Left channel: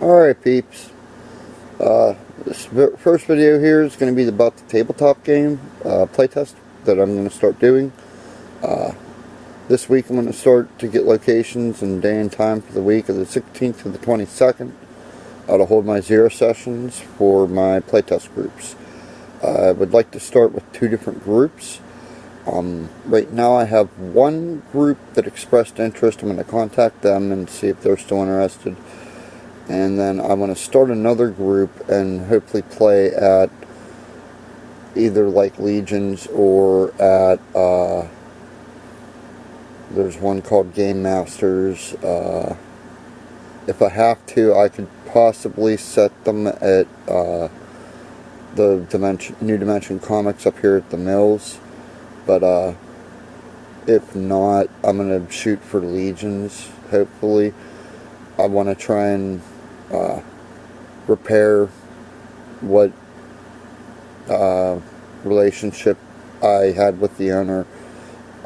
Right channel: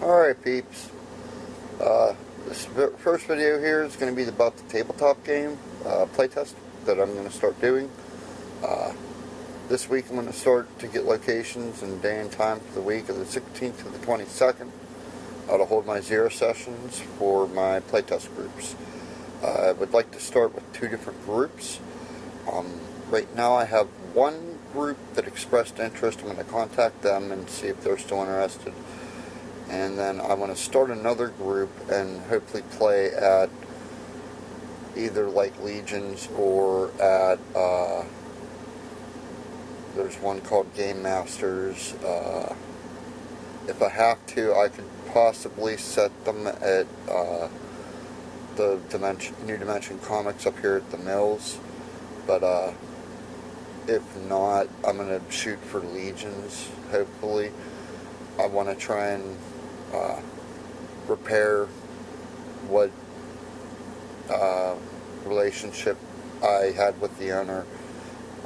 Alright peeps, this first video here is going to be about the tabletop game playtest that I'm going to start doing. This week I'm going to start to get locations and day and time for the week of the 16th to the 22nd to hold my 0 sessions for my playtest groups. I would like to start with 2 different groups. Right now I have one group that expressed interest. I'm going to contact them and see if they're still interested. And then I want to start another group and hopefully play at either like Legions or at, there's one called Game Masters. If I have to, I could possibly set them at the New Dimension Comics up here at the Mills. But if not, I'm going to shoot for Legions, hopefully. I want to try and repair what relationship I had with the owner.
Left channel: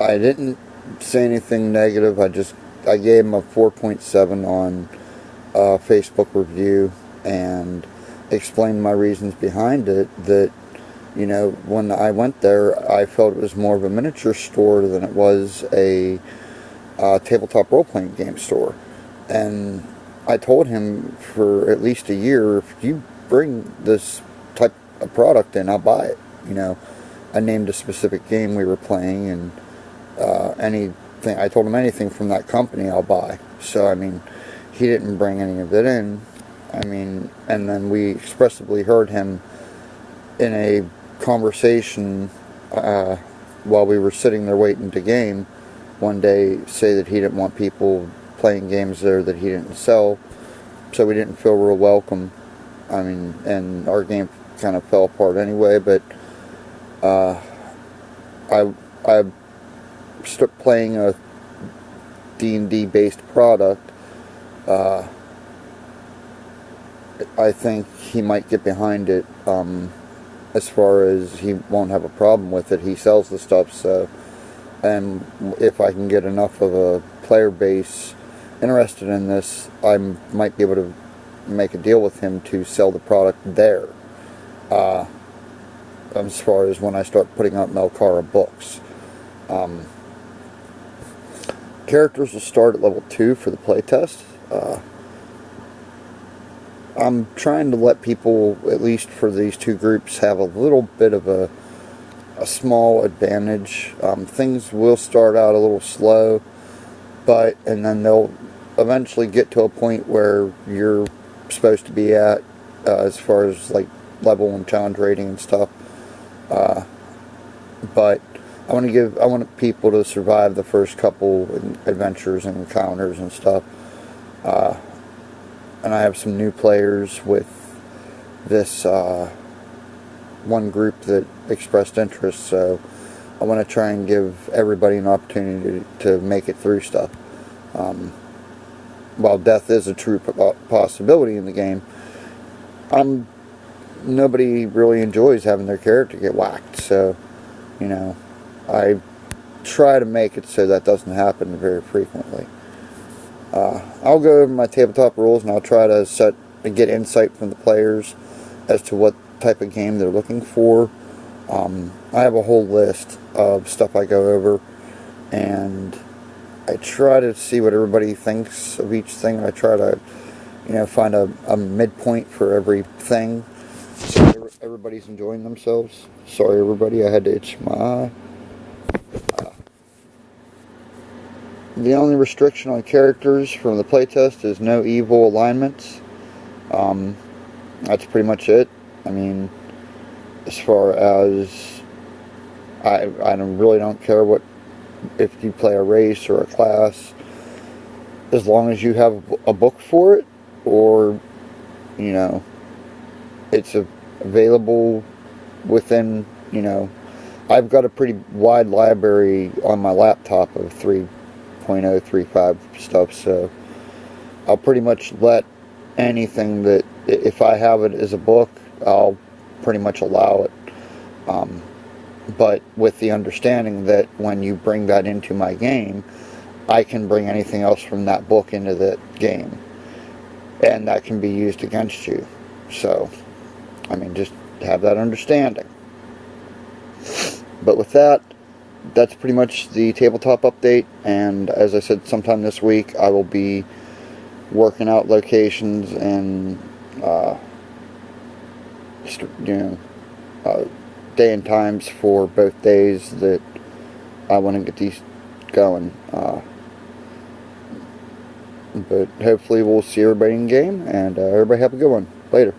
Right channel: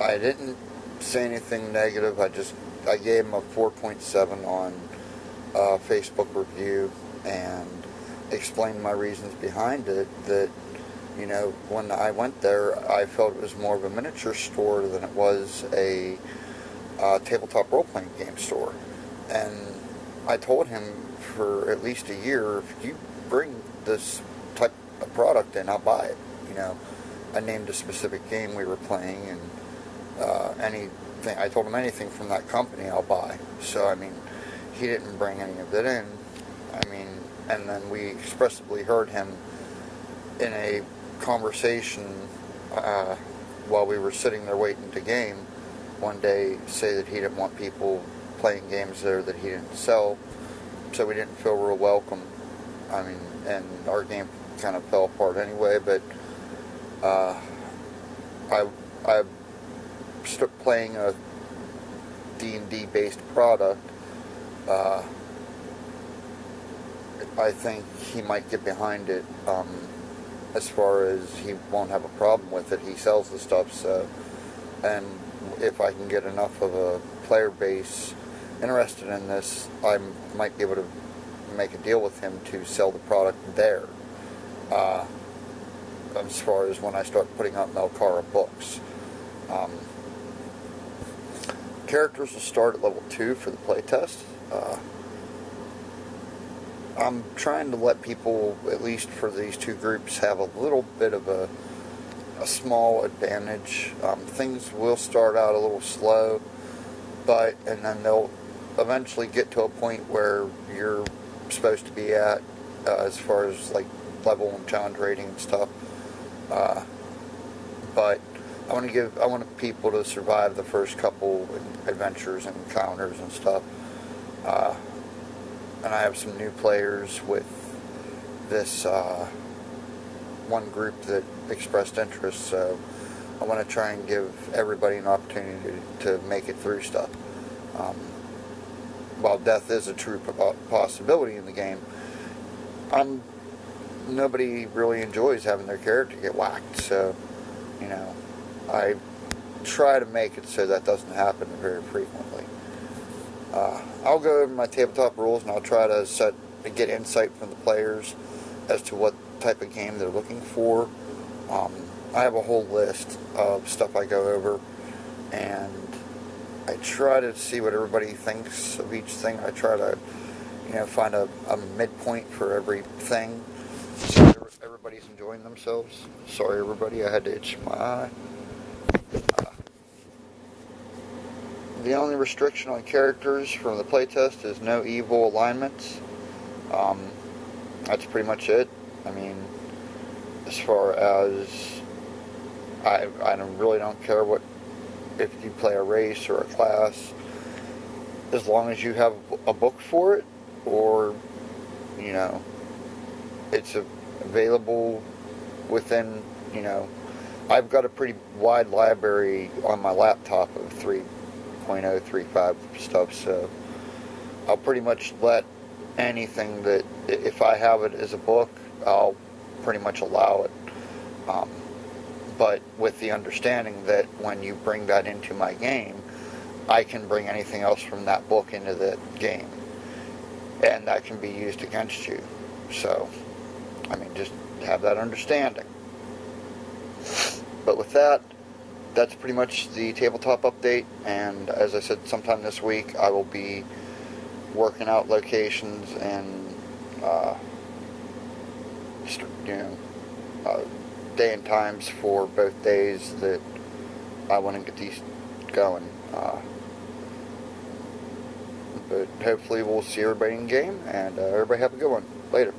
I didn't say anything negative. I gave him a 4.7 on Facebook review and explained my reasons behind it. That, you know, when I went there, I felt it was more of a miniature store than it was a tabletop role-playing game store. And I told him for at least a year, if you bring this type of product in, I'll buy it. You know, I named a specific game we were playing, and anything, I told him anything from that company I'll buy. So, I mean, he didn't bring any of it in. I mean, and then we expressively heard him in a conversation while we were sitting there waiting to game one day say that he didn't want people playing games there that he didn't sell, so we didn't feel real welcome. I mean, and our game kind of fell apart anyway. But I started playing a D&D based product. I think he might get behind it. As far as he won't have a problem with it, he sells the stuff. So, and if I can get enough of a player base interested in this, I might be able to make a deal with him to sell the product there. As far as when I start putting out Melcara books. Characters will start at level 2 for the playtest. I'm trying to let people, at least for these 2 groups, have a little bit of a small advantage. Things will start out a little slow, and then they'll eventually get to a point where you're supposed to be at as far as like level and challenge rating and stuff. But I want people to survive the first couple adventures and encounters and stuff. And I have some new players with this one group that expressed interest, so I want to try and give everybody an opportunity to make it through stuff. While death is a true possibility in the game, nobody really enjoys having their character get whacked, so, you know, I try to make it so that doesn't happen very frequently. I'll go over my tabletop rules, and I'll try to get insight from the players as to what type of game they're looking for. I have a whole list of stuff I go over, and I try to see what everybody thinks of each thing. I try to, you know, find a midpoint for everything, so everybody's enjoying themselves. Sorry, everybody, I had to itch my eye. The only restriction on characters from the playtest is no evil alignments. That's pretty much it. I mean, as far as I really don't care if you play a race or a class, as long as you have a book for it, or, you know, it's available within, you know, I've got a pretty wide library on my laptop of 3.035 stuff, so I'll pretty much let anything that, if I have it as a book, I'll pretty much allow it. But with the understanding that when you bring that into my game, I can bring anything else from that book into the game. and that can be used against you. So, I mean, just have that understanding. But with that, that's pretty much the tabletop update, and as I said, sometime this week I will be working out locations and day and times for both days that I want to get these going. But hopefully we'll see everybody in game, and everybody have a good one. Later.